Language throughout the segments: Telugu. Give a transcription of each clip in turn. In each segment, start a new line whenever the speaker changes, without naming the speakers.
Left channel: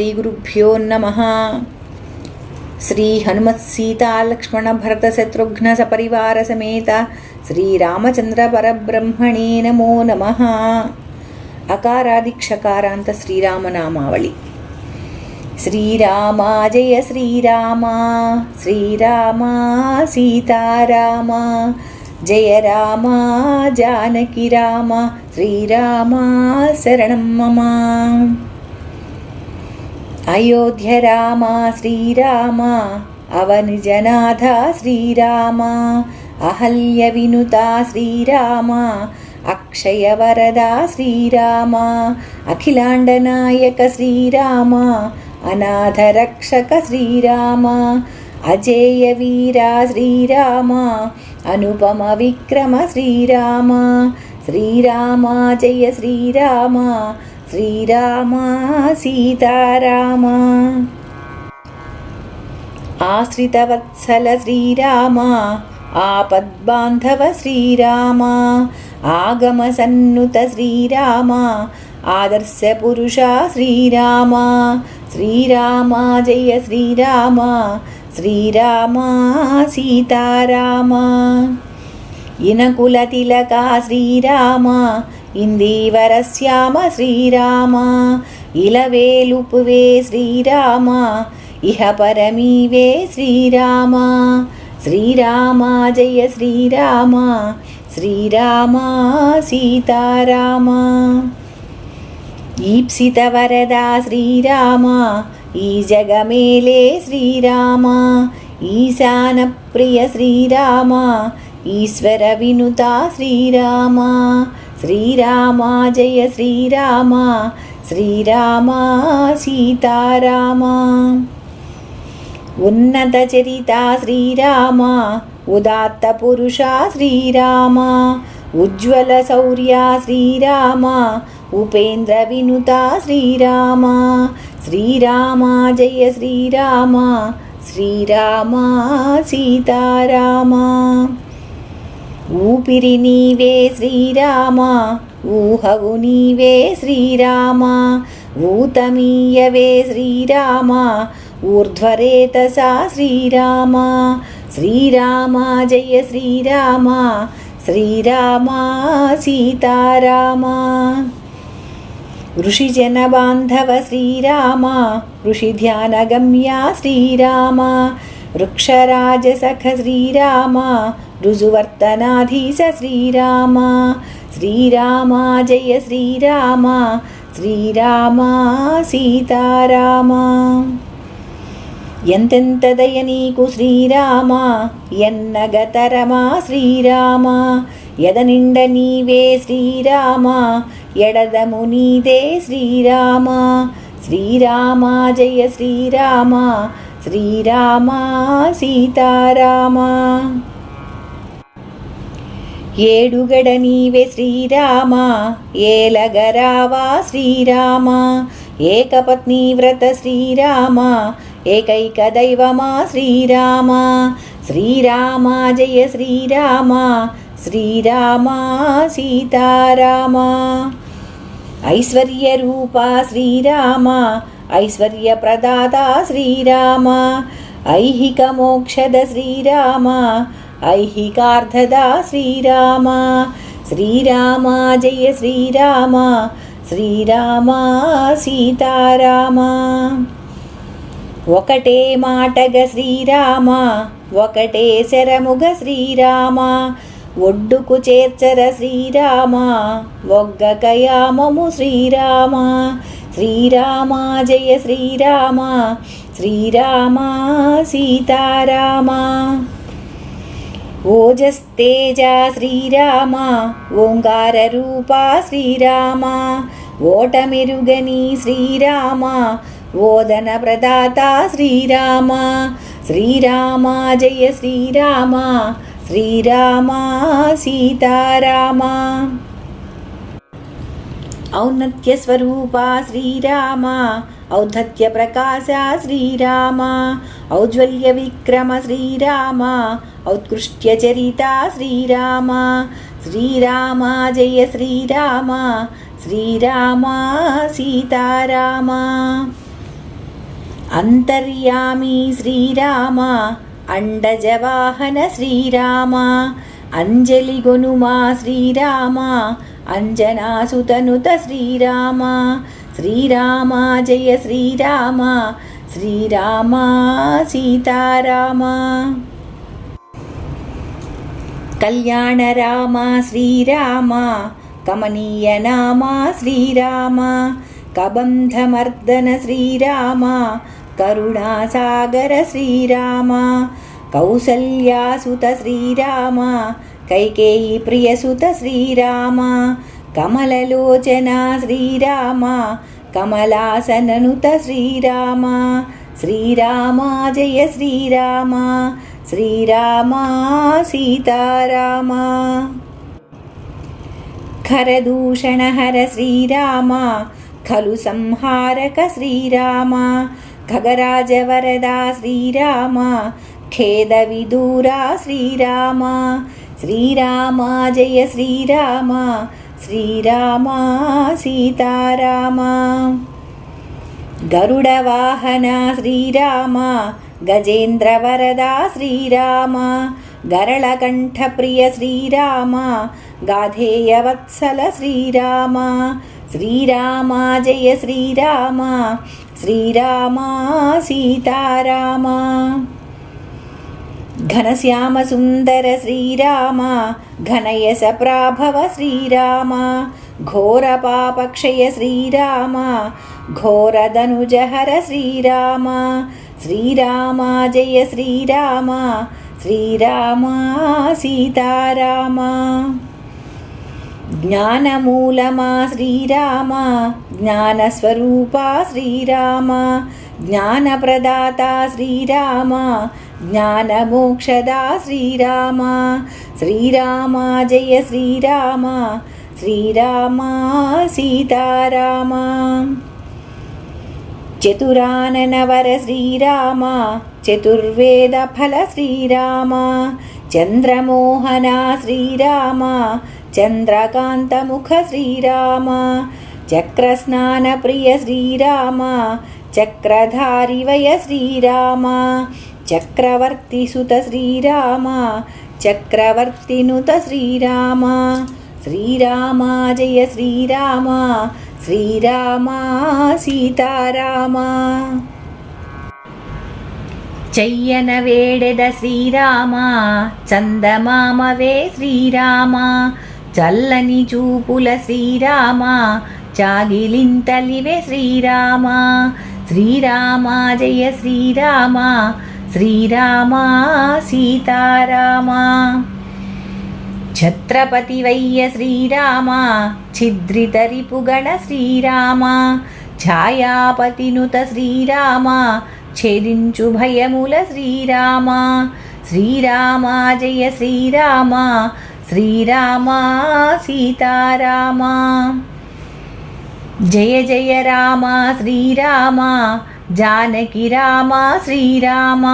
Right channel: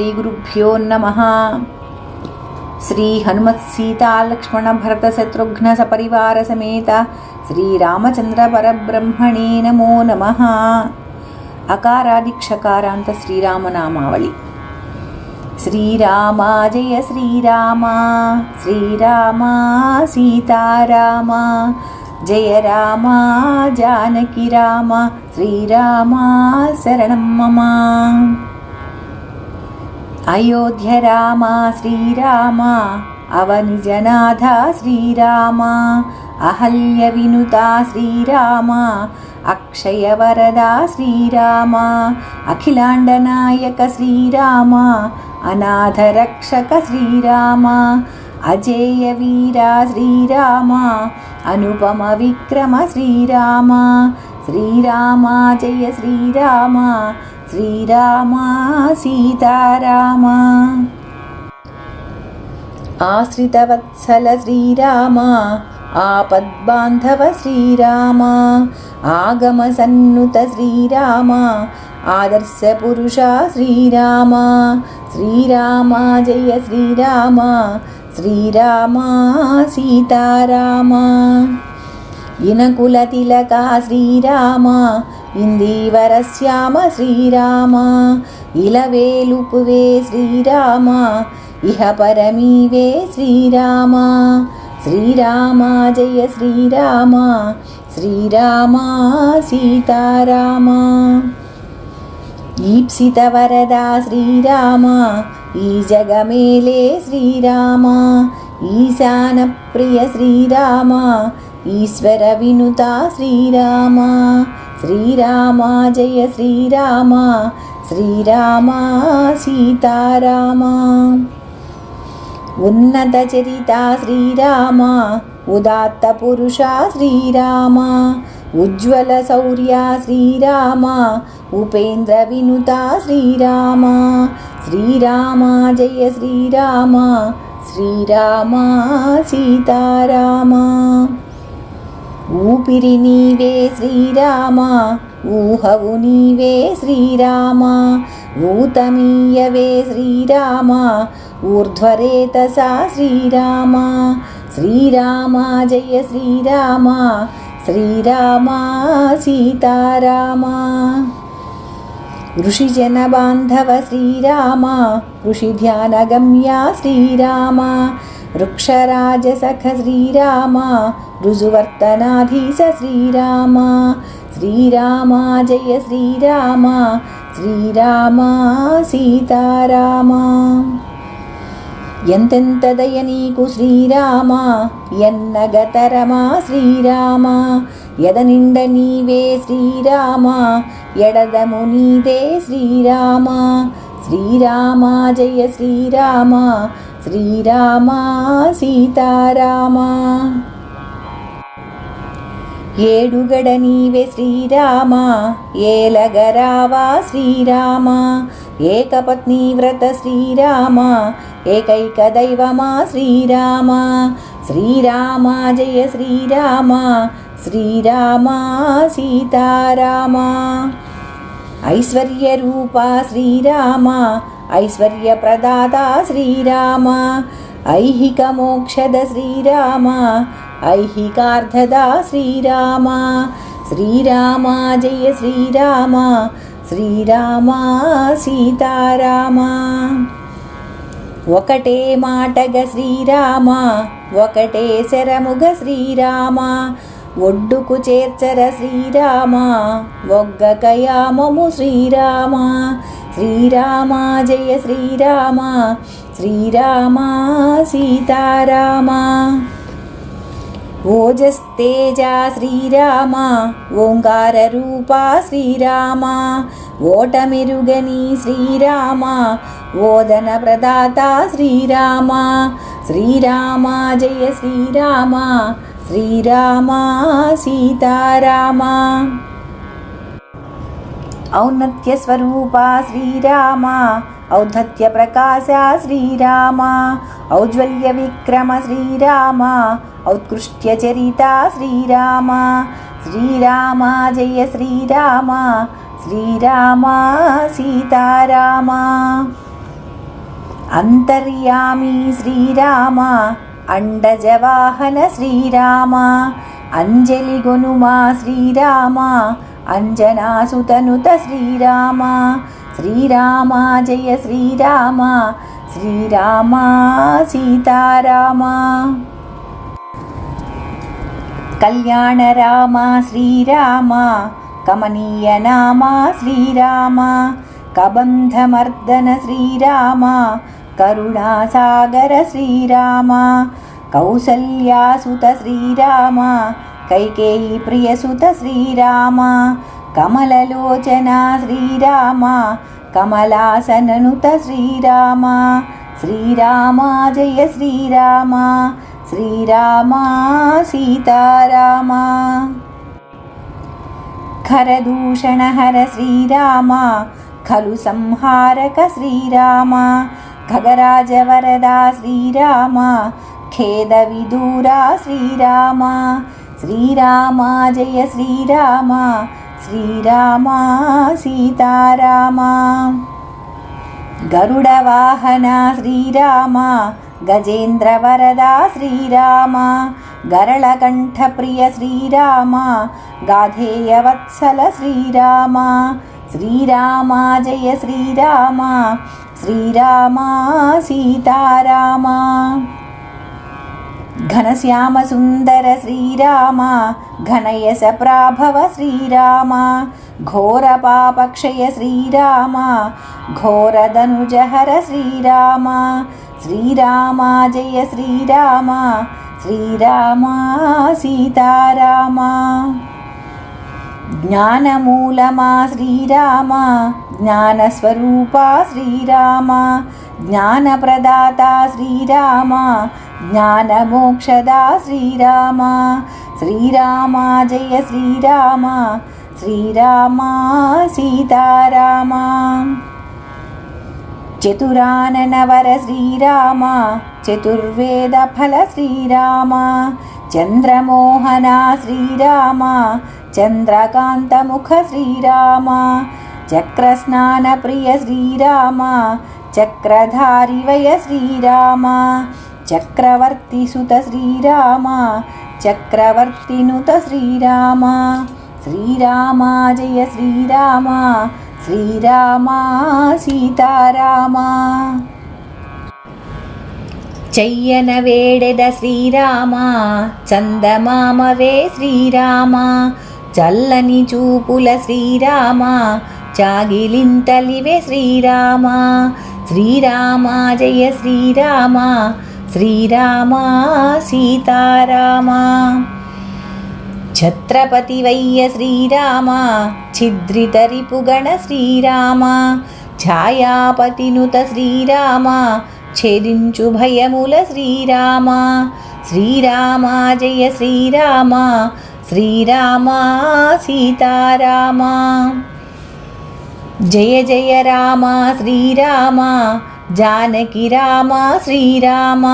శ్రీగురుభ్యో నమ శ్రీ హనుమత్ సీతా భరత శత్రుఘ్న సపరివార సమేత శ్రీరామచంద్ర పరబ్రహ్మణే నమో నమ అకారాదిక్షకారాంత శ్రీరామనామావళి శ్రీరామ జయ శ్రీరామ శ్రీరామ సీతారామ జయ రామ జానకి రామ శ్రీరామ శరణం మమ అయోధ్య రామ శ్రీరామ అవని జనాథ శ్రీరామ అహల్య వినుత శ్రీరామ అక్షయ వరద శ్రీరామ అఖిలాండ నాయక శ్రీరామ అనాథ రక్షక శ్రీరామ అజేయ వీర శ్రీరామ అనుపమ విక్రమ శ్రీరామ శ్రీరామ జయ శ్రీరామ శ్రీరామ సీతారామ. ఆశ్రితవత్సల శ్రీరామ ఆపద్బాంధవ శ్రీరామ ఆగమ సన్నుత శ్రీరామ ఆదర్శ పురుష శ్రీరామ శ్రీరామ జయ శ్రీరామ శ్రీరామ సీతారామ. ఇనకుల తిలక శ్రీరామ ఇందీవర శ్యామ శ్రీరామ ఇలవేలుపువే శ్రీరామ ఇహ పరమీవే శ్రీరామ. శ్రీరామ జయ శ్రీరామ శ్రీరామ సీతారామ. ఈప్సిత వరద శ్రీరామ ఈ జగమేలే శ్రీరామ ఈశాన ప్రియ శ్రీరామ ఈశ్వర వినుత శ్రీరామ శ్రీరామ జయ శ్రీరామ శ్రీరామ సీతారామ. ఉన్నత చరిత శ్రీరామ ఉదాత్త పురుష శ్రీరామ ఉజ్వల శౌర్య శ్రీరామ ఉపేంద్ర వినుత శ్రీరామ శ్రీరామ జయ శ్రీరామ శ్రీరామ సీతారామ. ఊపిరి నీవే శ్రీరామ ఊహవు నీవే శ్రీరామ ఊతమీయవే శ్రీరామ ఊర్ధ్వరేతసా శ్రీరామ శ్రీరామ జయ శ్రీరామ శ్రీరామా సీతారామా. ఋషిజన బాంధవ శ్రీరామ ఋషి ధ్యానగమ్య శ్రీరామ. వృక్షరాజసఖ శ్రీరామ రుజువర్తనాధీశ శ్రీరామ. శ్రీరామ జయ శ్రీరామ. శ్రీరామ సీతారామ. ఎంతెంత దయ నీకు శ్రీరామ? ఎన్నగతరమా శ్రీరామ? ఎదనిండ నీవే శ్రీరామ? ఎడదము నీదే శ్రీరామ? శ్రీరామ జయ శ్రీరామ? శ్రీరామ సీతారామ? ఏడుగడ నీవే శ్రీరామ? ఏలగరావా శ్రీరామ? ఏకపత్ని వ్రత శ్రీరామ? ఏకైక దైవమా శ్రీరామ శ్రీరామ జయ శ్రీరామ శ్రీరామ సీతారామ ఐశ్వర్య రూప శ్రీరామ ఐశ్వర్య ప్రదాత శ్రీరామ ఐహిక మోక్షద శ్రీరామ ఐహికార్థద శ్రీరామ శ్రీరామ ఒకటే మాటగ శ్రీరామ ఒకటే శరముగ శ్రీరామ. ఒడ్డుకు చేర్చర శ్రీరామ ఒగ్గకయామము శ్రీరామ. శ్రీరామ జయ శ్రీరామ శ్రీరామ సీతారామ. ఓజస్తేజ శ్రీరామ ఓంకార రూప శ్రీరామ. ఓటమెరుగని శ్రీరామ ఓదన ప్రదాత శ్రీరామ శ్రీరామ జయ శ్రీరామ శ్రీరామ సీతారామ. ఔన్నత్య స్వరూప శ్రీరామ ఔద్ధత్య ప్రకాశ శ్రీరామ ఔజ్వల్య విక్రమ శ్రీరామ ఔత్కృష్ట్య చరిత శ్రీరామ శ్రీరామ జయ శ్రీరామ శ్రీరామ సీతారామ. అంతర్యామి శ్రీరామ అండజవాహన శ్రీరామ అంజలిగొనుమా శ్రీరామ అంజనాసుతనుత శ్రీరామ శ్రీరామ జయ శ్రీరామ శ్రీరామ సీతారామ. కళ్యాణ రామ శ్రీరామ కమనీయ నామ శ్రీరామ కబంధమర్దన శ్రీరామ కరుణాసాగర శ్రీరామ కౌసల్యాసుత శ్రీరామ కైకేయి ప్రియసుత శ్రీరామ కమలలోచన శ్రీరామ కమలాసననుత శ్రీరామ శ్రీరామ జయ శ్రీరామ శ్రీరామ సీతారామ ఖరదూషణ హర శ్రీరామ ఖలు సంహారక శ్రీరామ ఖగరాజవరదా శ్రీరామ ఖేద విదూరా శ్రీరామ శ్రీరామ జయ శ్రీరామ శ్రీరామ సీతారామ. గరుడవాహన శ్రీరామ గజేంద్రవరదా శ్రీరామ గరళకంఠప్రియ శ్రీరామ గాధేయవత్సల శ్రీరామ శ్రీరామ జయ శ్రీరామా సీతారామా. సీతారామ ఘనశ్యామ సుందర శ్రీరామ ఘనయస ప్రాభవ శ్రీరామ ఘోర పాపక్షయ శ్రీరామ ఘోరధనుజహర శ్రీరామ శ్రీరామ జయ శ్రీరామ శ్రీరామ సీతారామ. జ్ఞానమూలమా శ్రీరామ జ్ఞానస్వరూపా శ్రీరామ జ్ఞానప్రదాత శ్రీరామ జ్ఞానమోక్షదా శ్రీరామ శ్రీరామ జయ శ్రీరామ శ్రీరామ సీతారామ. చతురాననవర శ్రీరామ చతుర్వేద ఫల శ్రీరామ చంద్రమోహన శ్రీరామ చంద్రకాంతముఖ శ్రీరామ చక్రస్నాన ప్రియ శ్రీరామ చక్రధారి వయ శ్రీరామ చక్రవర్తి సుత శ్రీరామ చక్రవర్తినుత శ్రీరామ శ్రీరామ జయ శ్రీరామ శ్రీరామ సీతారామ చెయ్యన వేడెద శ్రీరామ చందమామవే శ్రీరామ చల్లని చూపుల శ్రీరామ చాగిలింతలివే శ్రీరామ. శ్రీరామ జయ శ్రీరామ. శ్రీరామ సీతారామ. ఛత్రపతివయ్య శ్రీరామ. ఛిద్రితరిపుగణ శ్రీరామ. ఛాయాపతినుత శ్రీరామ. ఛేదించు భయముల శ్రీరామ. శ్రీరామ జయ శ్రీరామ. శ్రీరామ సీతారామ. జయ జయ రామ శ్రీరామ జానకి రామ శ్రీరామ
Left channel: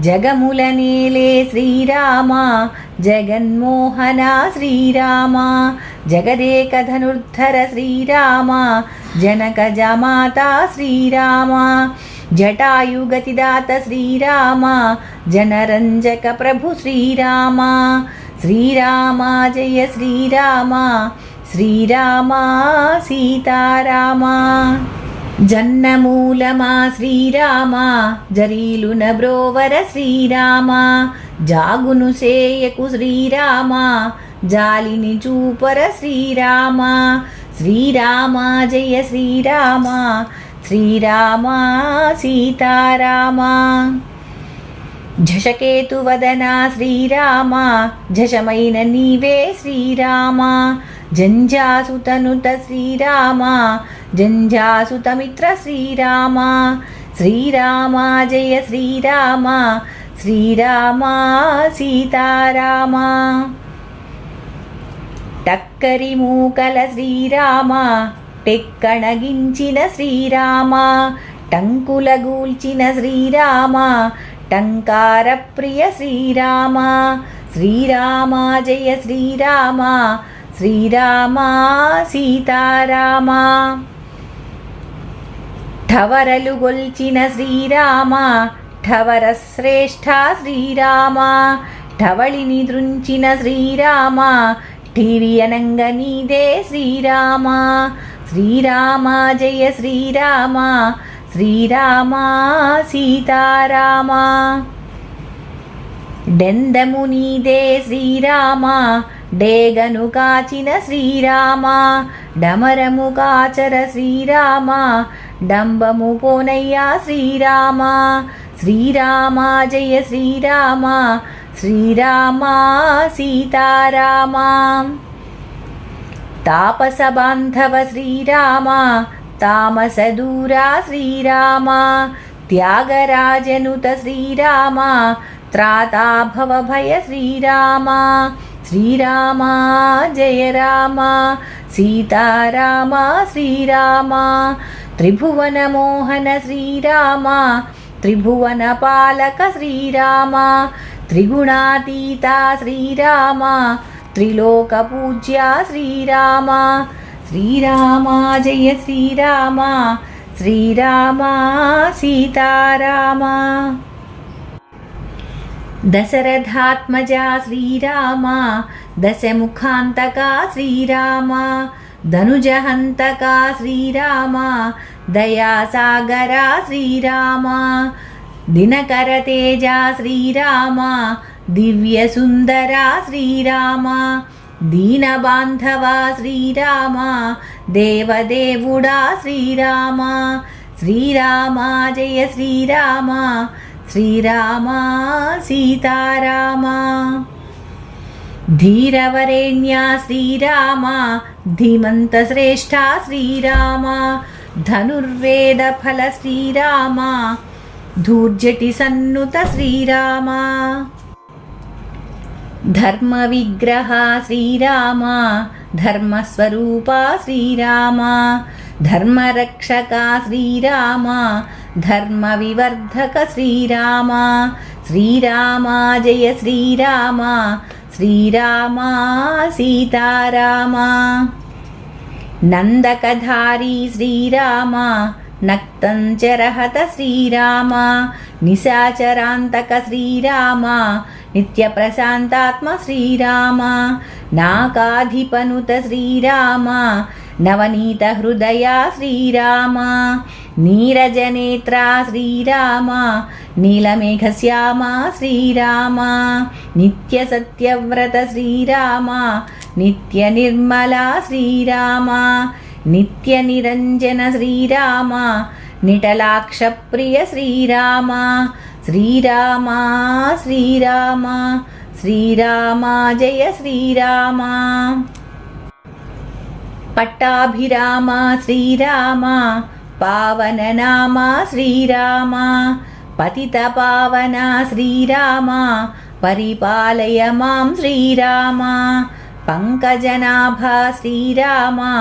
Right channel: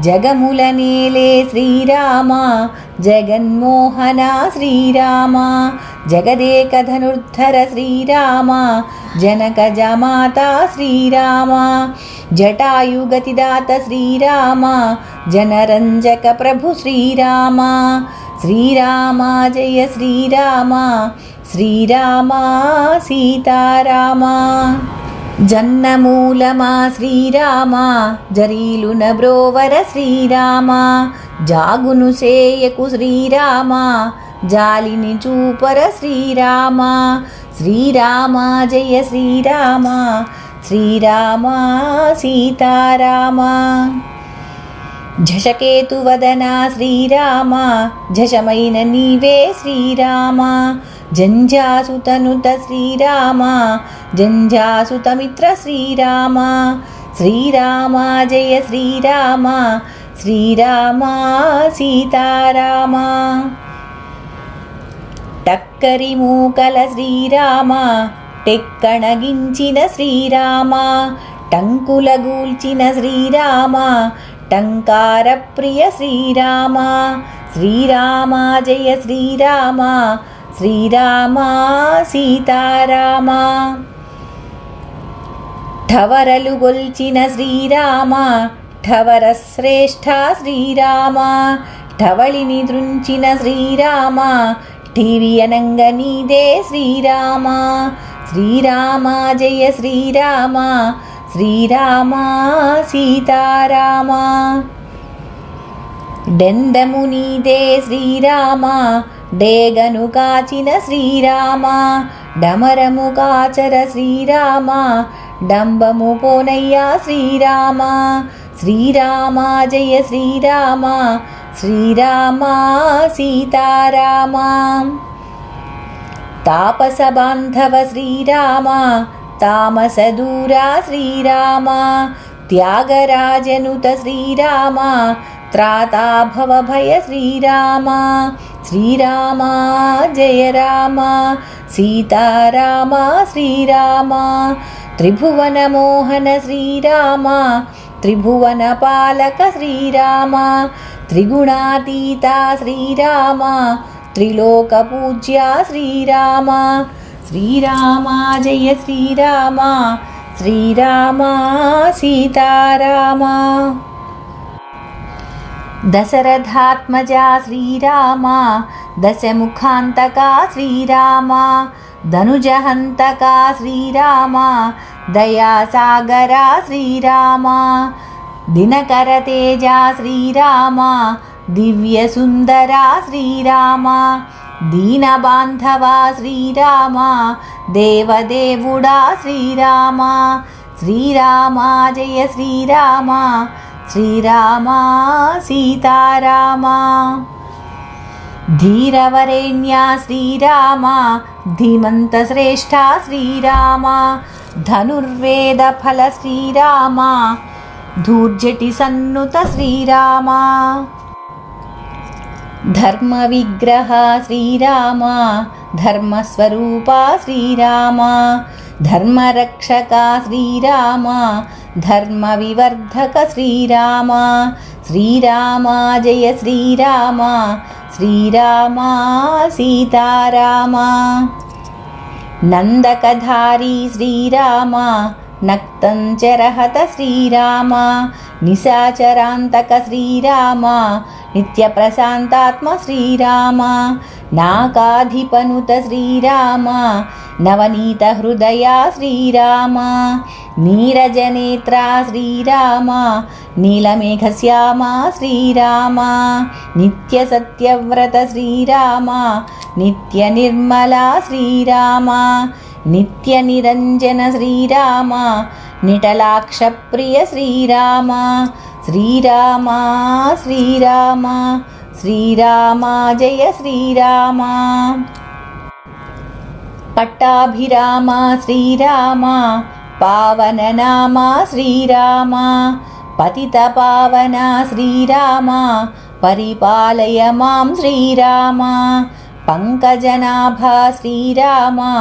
జగముల నేలే శ్రీరామ జగన్మోహన శ్రీరామ జగదేక ధనుర్ధర శ్రీరామ జనక జమాత శ్రీరామ జటాయుగతిదాత శ్రీరామ జనరంజక ప్రభు శ్రీరామా సీతారామా జన్నమూలమా శ్రీరామా జరీలు నబ్రోవర శ్రీరామా జాగును సేయకు శ్రీరామా జాలిని చూపర శ్రీరామా శ్రీరామా జయ శ్రీరామా శ్రీరామా సీతారామా. झषकेतुवदना శ్రీరామ झषमैन నీవే శ్రీరామ జంజాసుతనుత శ్రీరామ జంజాసుతమిత్ర శ్రీరామ శ్రీరామ జయ శ్రీరామ శ్రీరామ సీతారామ. టక్కరి మూకల శ్రీరామ టెక్కణగించిన శ్రీరామ టంకులగూల్చిన శ్రీరామ టంకార ప్రియ శ్రీరామ శ్రీరామ జయ శ్రీరామ శ్రీరామ సీతారామ ఠవరలు గొల్చిన శ్రీరామ ఠవర శ్రేష్ఠ శ్రీరామ ఠవళిని దృంచిన శ్రీరామ టీవీ అనంగ నీదే శ్రీరామ శ్రీరామ జయ శ్రీరామ శ్రీరామ సీతారామ డెందము నీదే శ్రీరామ డేగను కాచిన శ్రీరామ డమరము కాచర శ్రీరామ డంబము పోనయ్యా శ్రీరామ. శ్రీరామ జయ శ్రీరామ శ్రీరామ సీతారామ. తాపస బాంధవ శ్రీరామ తామస దూరా శ్రీరామ త్యాగరాజనుత శ్రీరామ త్రాతాభవ భయ శ్రీరామ. శ్రీరామ జయ రామ సీతారామ శ్రీరామ త్రిభువన మోహన శ్రీరామ త్రిభువన పాలక శ్రీరామ త్రిగుణాతీత శ్రీరామ త్రిలోక పూజ్య శ్రీరామ శ్రీరామ జయ శ్రీరామ శ్రీరామ సీతారామ. దశరథాత్మజా శ్రీరామ దశముఖాంతకా శ్రీరామ ధనుజహంతకా శ్రీరామ దయాసాగరా శ్రీరామ దినకర తేజ శ్రీరామ దివ్య సుందరా శ్రీరామ దీనబాంధవ శ్రీరామ దేవదేవుడా శ్రీరామ శ్రీరామ జయ శ్రీరామ శ్రీరామ సీతారామ ధీరవరేణ్య శ్రీరామ ధీమంతశ్రేష్ఠ శ్రీరామ ధనుర్వేద ఫల శ్రీరామ ధూర్జటి సన్నుత శ్రీరామ ధర్మ విగ్రహ శ్రీరామ ధర్మస్వరూప శ్రీరామ ధర్మరక్షక శ్రీరామ ధర్మ వివర్ధక శ్రీరామ. శ్రీరామ జయ శ్రీరామ. శ్రీరామ సీతారామ. నందకధారీ శ్రీరామ. నక్తంచరహత శ్రీరామ. నిశాచరాంతక శ్రీరామ. నిత్యప్రశాంతాత్మ శ్రీరామ. నాకాధిపనుత శ్రీరామ. నవనీత హృదయ శ్రీరామ. నీరజనేత్రా శ్రీరామ నీలమేఘశ్యామ శ్రీరామ నిత్య సత్యవ్రత శ్రీరామ నిత్య నిర్మల శ్రీరామ నిత్య నిరంజన శ్రీరామ నిటలాక్షప్రియ శ్రీరామ శ్రీరామ శ్రీరామ శ్రీరామ జయ శ్రీరామ. పట్టాభిరామ శ్రీరామ पावननामा श्रीरामा पतितपावना श्रीरामा परिपालय मां श्रीरामा पङ्कजनाभा श्रीरामा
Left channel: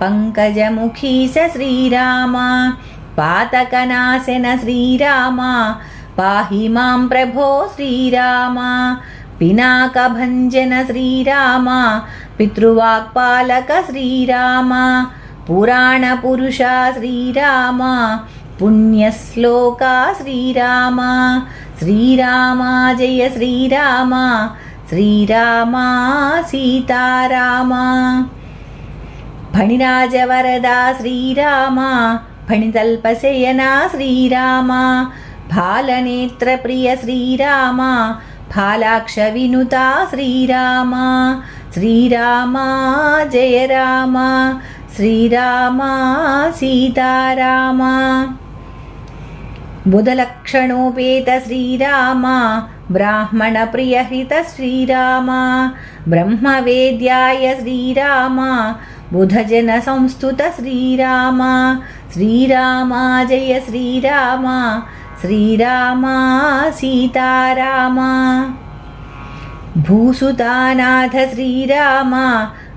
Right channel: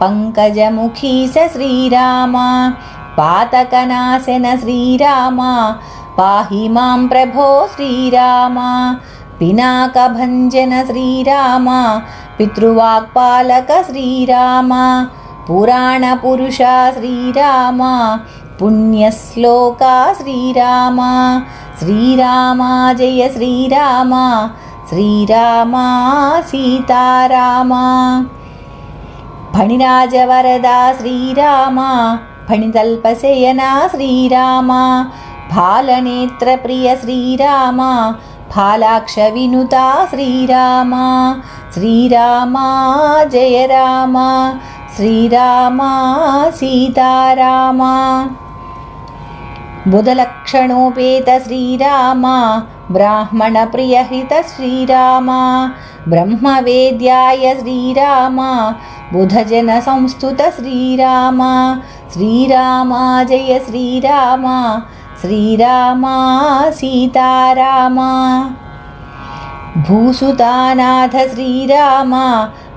पङ्कजमुखी स श्रीरामा पातकनाशन श्रीरामा पाहि मां प्रभो श्रीरामा पिनाकभञ्जन श्रीरामा पितृवाक्पालक श्रीरामा పితృవాక్పాలక శ్రీరామ పురాణపురుష శ్రీరామ పుణ్యశ్లోక శ్రీరామ శ్రీరామ జయ శ్రీరామ శ్రీరామ సీతారామ. ఫణిరాజవరద శ్రీరామ ఫణితల్పశయన శ్రీరామ భాలనేత్రప్రియ శ్రీరామ ఫాలాక్ష వినుత శ్రీరామ శ్రీరామ జయ రామ శ్రీరామ సీతారామ బుధలక్షణోపేత శ్రీరామ బ్రాహ్మణ ప్రియహిత శ్రీరామ బ్రహ్మవేద్యాయ శ్రీరామ బుధజన సంస్థుత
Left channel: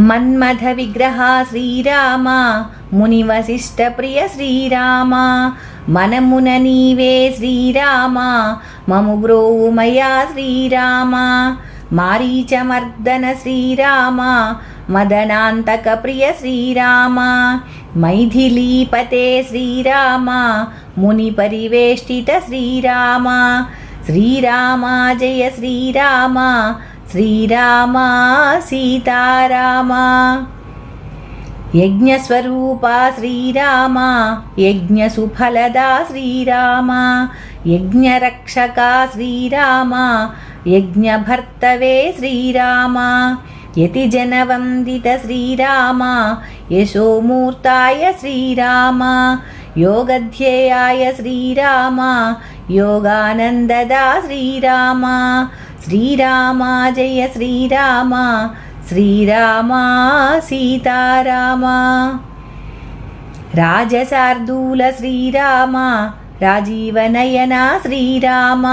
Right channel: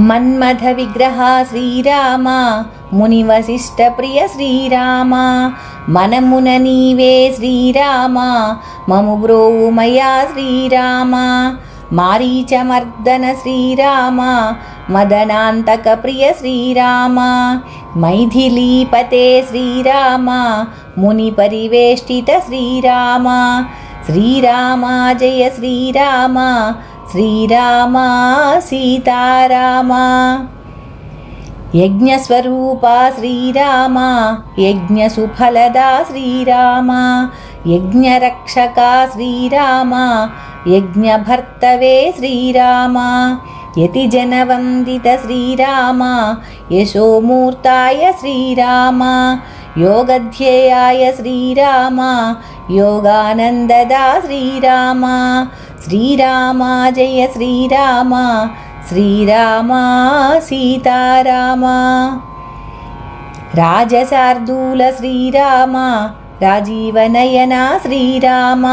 మన్మథ విగ్రహ శ్రీరామ మునివశిష్ట ప్రియ శ్రీరామ మనమున నీవే శ్రీరామ మము బ్రోవుమయా శ్రీరామ మారీచమర్దన శ్రీరామ మదనాంతక ప్రియ శ్రీరామ మైథిలీపతే శ్రీరామ ముని పరివేష్టిత శ్రీరామ శ్రీరామ జయ శ్రీరామ श्रीरामा सीतारामा यज्ञस्वरूपा श्रीरामा यज्ञसुफलदा श्रीरामा यज्ञरक्षका श्रीरामा यज्ञभर्तवे श्रीरामा यतिजनवन्दित श्रीरामा यशोमूर्ताय श्रीरामा योगध्येयाय श्रीरामा योगानन्ददा श्रीरामा శ్రీరామ జయ శ్రీరామ శ్రీరామ సీతారామ. రాజశార్దూల శ్రీరామ రాజీవనయన శ్రీరామ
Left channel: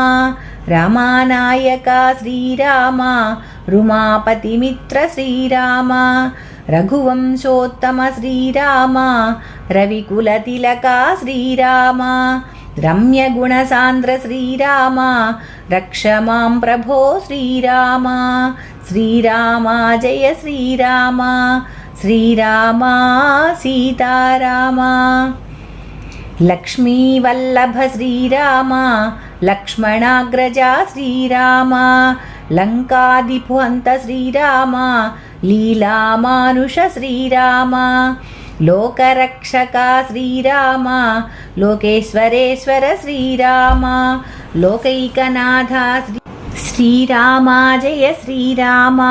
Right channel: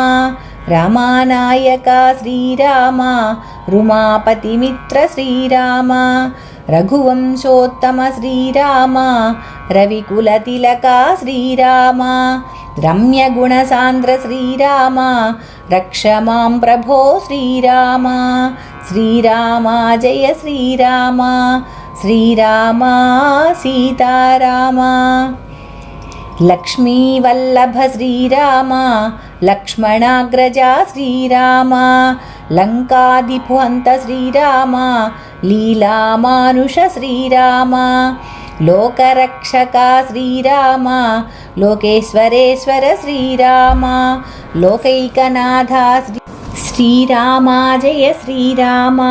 రమానాయక శ్రీరామ రుమాపతిమిత్ర శ్రీరామ రఘువంశోత్తమ శ్రీరామ రవికులతిలక శ్రీరామ. రమ్యగుణసాంద్ర శ్రీరామ రక్ష మాం ప్రభో శ్రీరామ శ్రీరామ జయ శ్రీరామ శ్రీరామ సీతారామ లక్ష్మీవల్లభ శ్రీరామ లక్ష్మణాగ్రజ శ్రీరామ లంకాదిపుహంత శ్రీరామ లీలామానుష శ్రీరామ లోకరక్షక శ్రీరామ లోకేశ్వరేశ్వర శ్రీరామ లోకైకనాథ శ్రీ శ్రీరామ జయ శ్రీరామ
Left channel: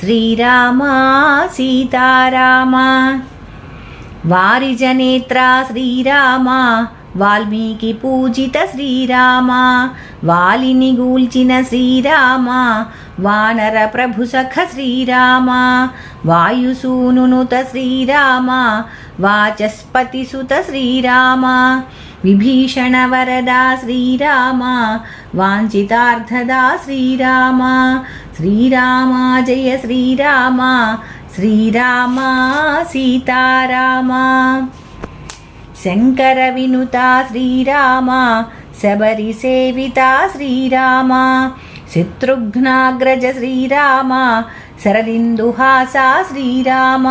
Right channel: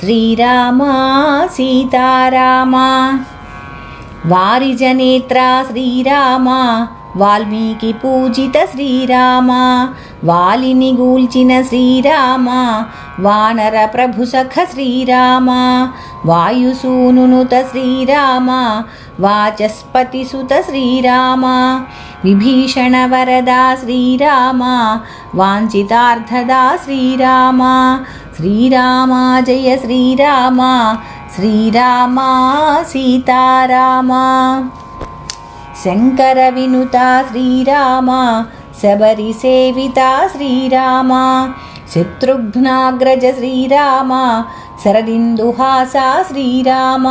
శ్రీరామ సీతారామ వారిజనేత్ర శ్రీరామ వాల్మీకి పూజిత శ్రీరామ వాలిని గూల్చిన శ్రీరామ వానర ప్రభు సఖ శ్రీరామ వాయుసూనునుత శ్రీరామ వాచస్పతి సుత శ్రీరామ విభీషణ వరదా శ్రీరామ వాంఛితార్థదా శ్రీరామ శ్రీరామ జయ శ్రీరామ శ్రీరామ సీతారామ. శంకర వినుత శ్రీరామ శబరి సేవిత శ్రీరామ శత్రుఘ్నాగ్రజ శ్రీరామ శరదిందుహాస శ్రీరామ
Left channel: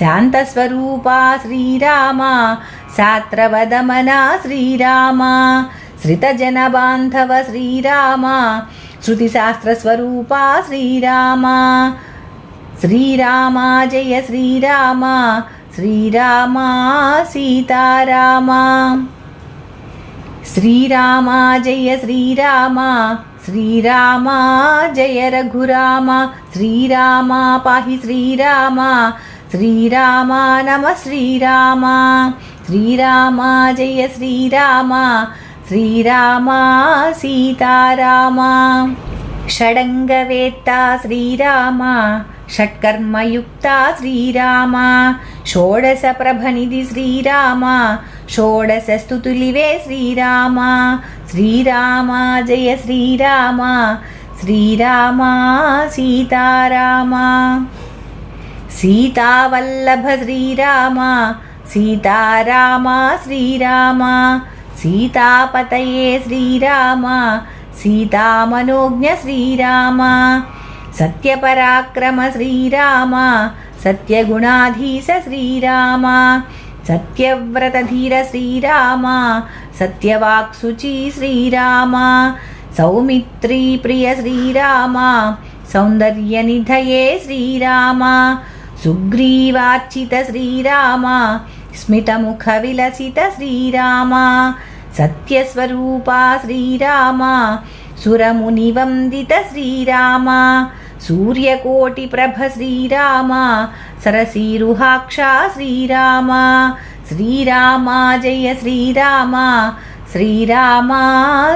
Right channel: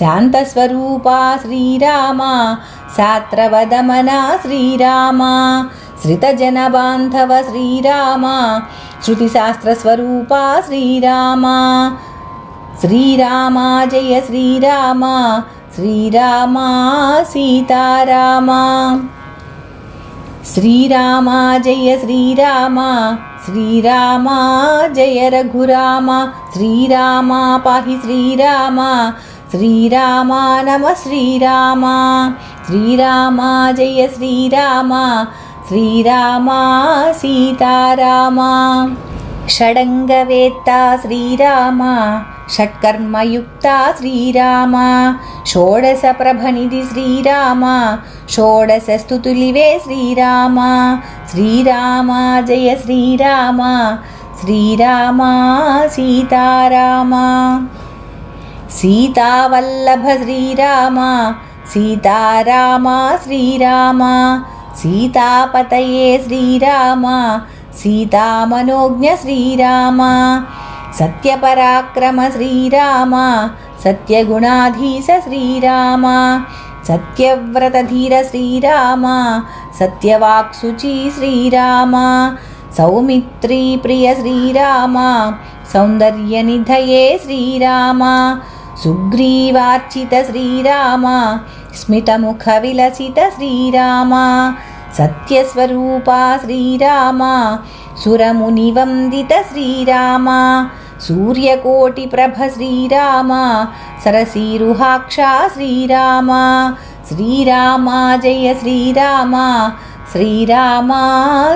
శాంతస్వరూప శ్రీరామ శాత్రవదమన శ్రీరామ శ్రితజనబాంధవ శ్రీరామ శృతిశాస్త్రస్వరూప శ్రీరామ శ్రీరామ జయ శ్రీరామ శ్రీరామ సీతారామ. శ్రీరామ జయ శ్రీరామ శ్రీరామ జయ రఘురామ శ్రీరామ పాహి శ్రీరామ శ్రీరామ నమ శ్రీరామ శ్రీరామ జయ శ్రీరామ శ్రీరామ సీతారామ. షడంగవేత్త శ్రీరామ షట్కర్మయుక్త శ్రీరామ. షోడశ ప్రభనిధి శ్రీరామ. షోడశ స్థుతులివే శ్రీరామ. శ్రీరామ జయ శ్రీరామ. శ్రీరామ సీతారామ. సీతావల్లభ శ్రీరామ. సీతారామ శ్రీరామ. సీతాపతయే శ్రీరామ. సీతామనోజ్ఞ శ్రీరామ. సత్యపరాక్రమ శ్రీరామ సత్యగుణాధీశ శ్రీరామ సత్యవ్రతధీర శ్రీరామ సత్యవాక్సుచి శ్రీరామ సౌమిత్రీ ప్రియ శ్రీరామ సౌందర్యనిధయే శ్రీరామ సుగ్రీవార్చిత శ్రీరామ స్మితముఖ విలసిత శ్రీరామ సత్యస్వరూప శ్రీరామ సురమునివందిత శ్రీరామ సూర్యకోటి ప్రభ శ్రీరామ సరసీరుహాక్ష శ్రీరామ శ్రీరామ జయ శ్రీరామ శ్రీరామ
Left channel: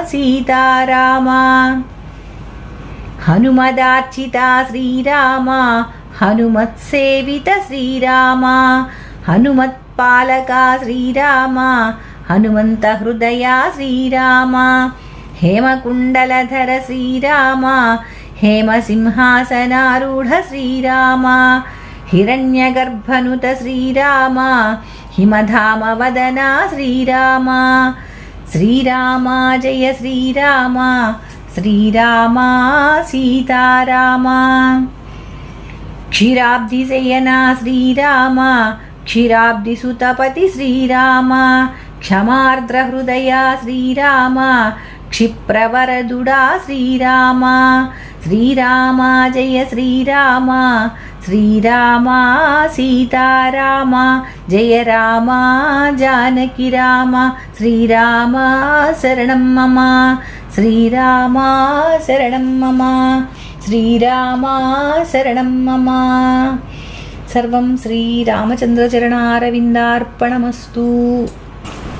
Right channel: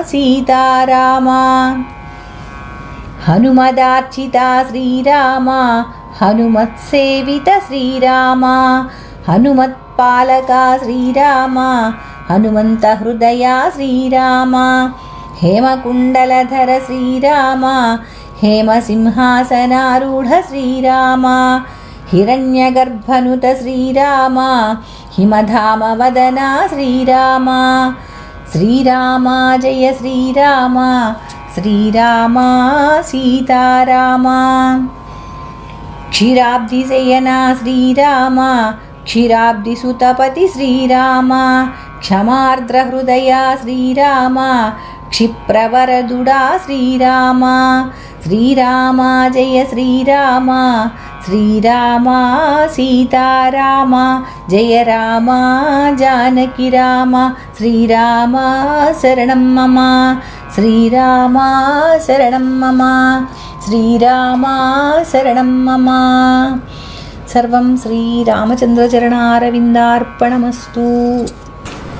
సీతారామ హనుమదార్చిత శ్రీరామ హనుమత్సేవిత శ్రీరామ హనుమత్పాలక శ్రీరామ హనుమంత హృదయ శ్రీరామ హేమకుండలధర శ్రీరామ హేమసింహాసనారూఢ శ్రీరామ హిరణ్యగర్భనుత శ్రీరామ హిమధామవదన శ్రీరామ శ్రీరామ జయ శ్రీరామ శ్రీరామ సీతారామ. క్షీరాబ్దిశయనా శ్రీరామ క్షీరాబ్దిసుతపతి శ్రీరామ క్షమార్ద్రహృదయ శ్రీరామ క్షిప్రవరదుడా శ్రీరామ. శ్రీరామ జయ శ్రీరామ. శ్రీరామ సీతారామ. జయ రామ జానకి రామ. శ్రీరామ శరణం మమ. శ్రీరామ శరణం మమ. శ్రీరామ శరణం మమ. సర్వం శ్రీరామచంద్రచరణారవిందార్పణమస్తు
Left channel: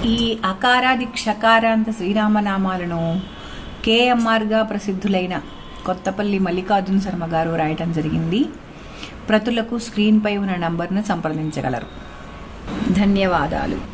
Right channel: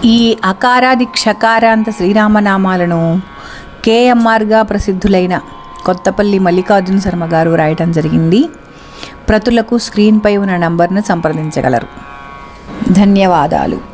ఈ అకారాది క్షకారాంత శ్రీరామనామాలను కేఎంఆర్గా ప్రసిద్ధులైన కొత్తపల్లి మల్లికార్జున శర్మ గారు రాయటం జరిగింది. ప్రతులకు స్క్రీన్పై ఉన్న నంబర్ను సంప్రదించగలరు. ధన్యవాదాలు.